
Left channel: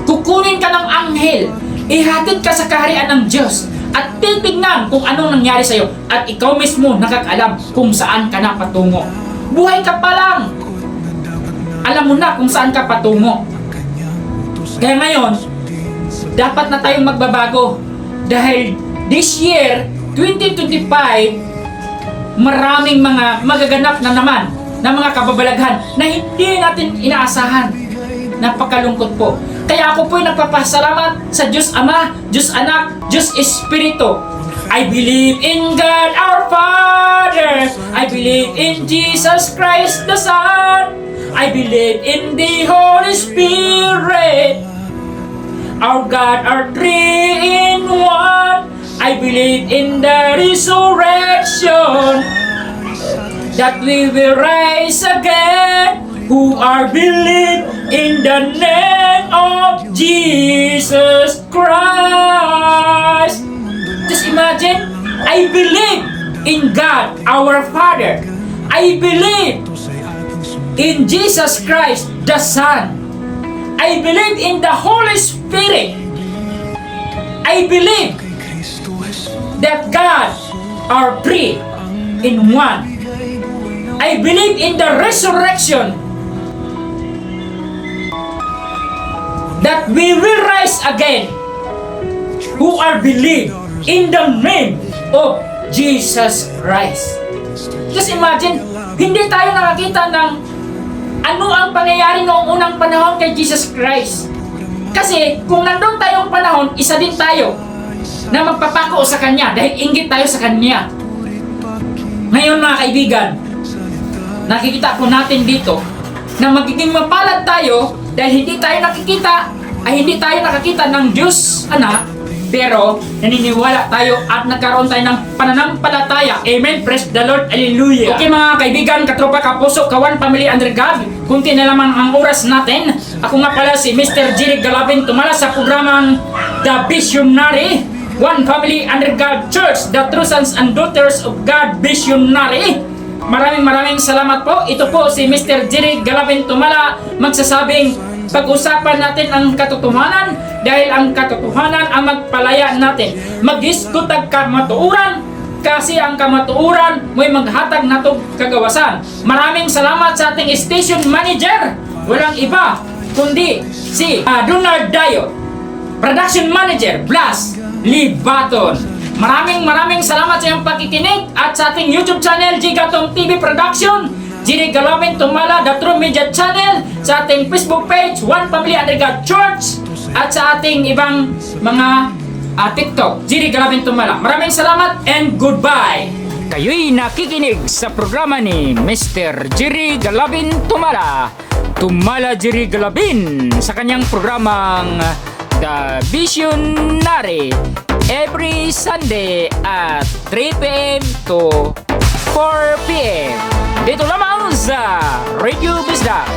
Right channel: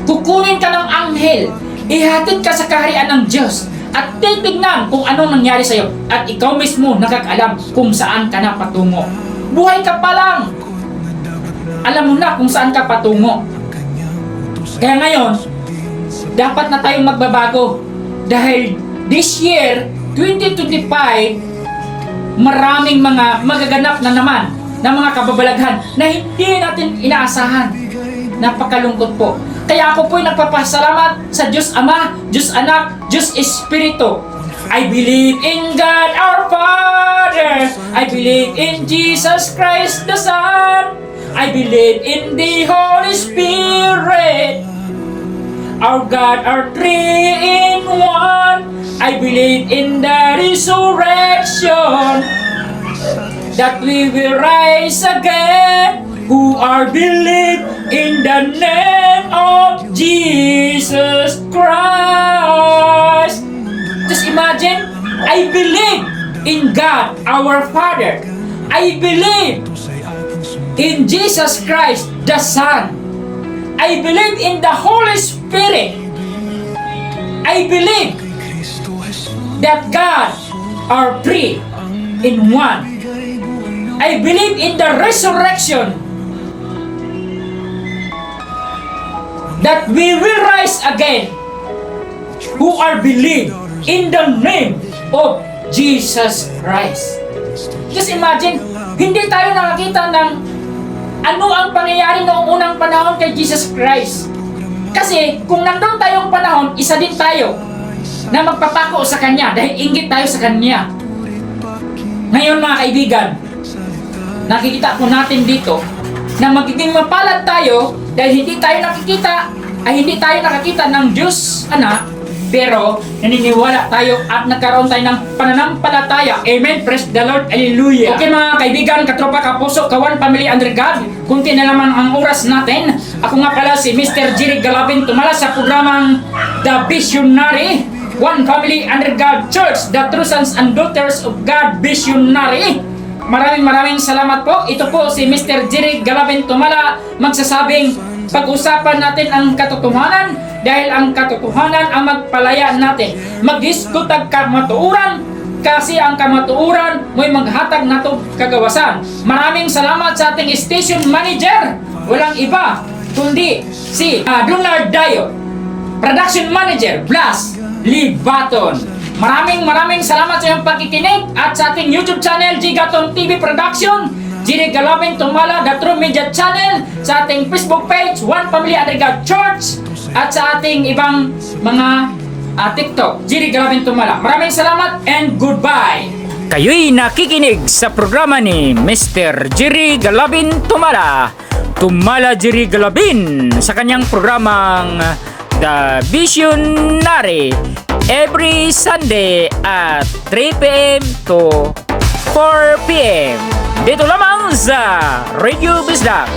Kukunin ka ng anghel, ihatid ka sa kaharian ng Diyos, at titignan kung anong nangyari sa'yo, at ikaw mismo nakakaalam kung saan ka na patungo. Buhay ka pa lang, alam mo na kung saan ka patungo. Kaya ngayon, dapat na tayong magbabago. Dahil this year, 2025, maraming mga magaganap na naman na mga kababalaghan na hindi natin inaasahan. Napakalungkot po. Kaya ako po'y nagpapasalamat sa Diyos Ama, Diyos Anak, Diyos Espiritu. I believe in God our Father. I believe in Jesus Christ the Son. I believe in the Holy Spirit. Our God are 3 in 1. I believe in the resurrection, that we will rise again who are believed in the name of Jesus Christ. Just imagine, I believe in God, our Father. I believe in Jesus Christ, the Son. I believe in the Holy Spirit. I believe that God are three in one. I believe in the resurrection, that we will rise again, who are believed in the name of Jesus Christ. Just imagine, hindi tayo nakakita ng ano ang pangyayari noong unang panahon kay Jesus Christ. Kasi kung nandun tayong panahon, isa din tayo na magpapako sa Kanya dahil inggit tayo sa Kanya. Ngayon mga kaibigan, nakikita po natin dito na magiging mapalad tayo dahil hindi tayo nakakita ng Diyos Anak, pero naniniwala tayo at nagkaroon tayo ng pananampalataya. Amen. Praise the Lord. Hallelujah. Okay mga kaibigan, katropa, kapuso, kawan, family under God, kunti na naman ang oras natin. Ako nga pala si Mr. Jerry Galabin, tumala sa programang The Visionary, One Family Under God Church, the True Sons and Daughters of God Visionary. Maraming salamat po. Ito po si Mr. Jerry Galabin Tumala, magsasabing pag-usapan natin ang katotohanan dahil ang katotohanan ang magpalaya natin. Mag-diskutag kamatuuran kasi ang kamatuuran mo'y maghatag natog kagawasan. Maraming salamat sa ating station manager. Walang iba kundi si Donald Dayo, production manager Blas Libaton. Maraming salamat sa iyong pagkikinig at sa ating YouTube channel, Gigaton TV Production, Jerry Galabin Tumala, The True Media Channel, sa ating Facebook page, One Family Under God Church, at sa ating ibang mga TikTok, Jerry Galabin Tumala. Maraming salamat and goodbye! Kayo'y nakikinig sa programa ni Mr. Jerry Galabin Tumala, Tumala Jerry Galabin, sa kanyang programang The Visionary, every Sunday at 3 p.m. to 4 p.m. Dito lamang sa Radio Bisdak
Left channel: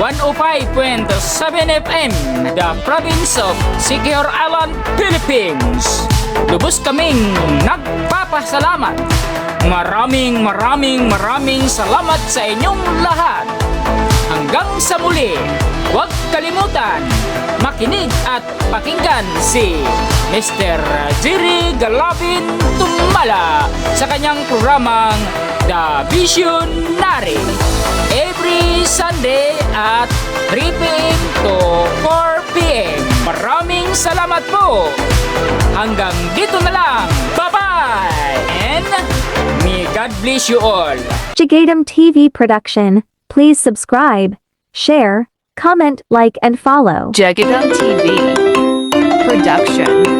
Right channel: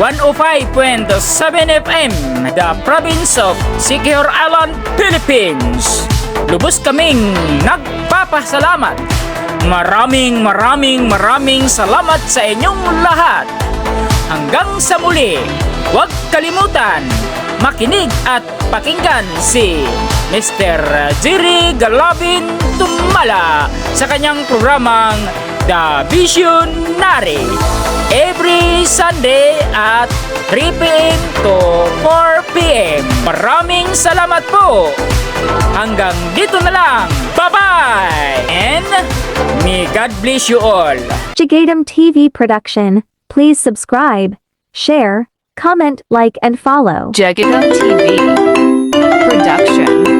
105.7 FM, the province of Siquijor Island, Philippines. Lubos kaming nagpapasalamat. Maraming salamat sa inyong lahat. Hanggang sa muli, huwag kalimutan makinig at pakinggan si Mr. Jerry Galabin Tumala sa kanyang programang The Visionary, every Sunday at 3 p.m. to 4 p.m. Maraming salamat po. Hanggang dito na lang. Bye-bye! And may God bless you all. Gigatum TV Production. Please subscribe, share, comment, like, and follow. Jagadam TV Production.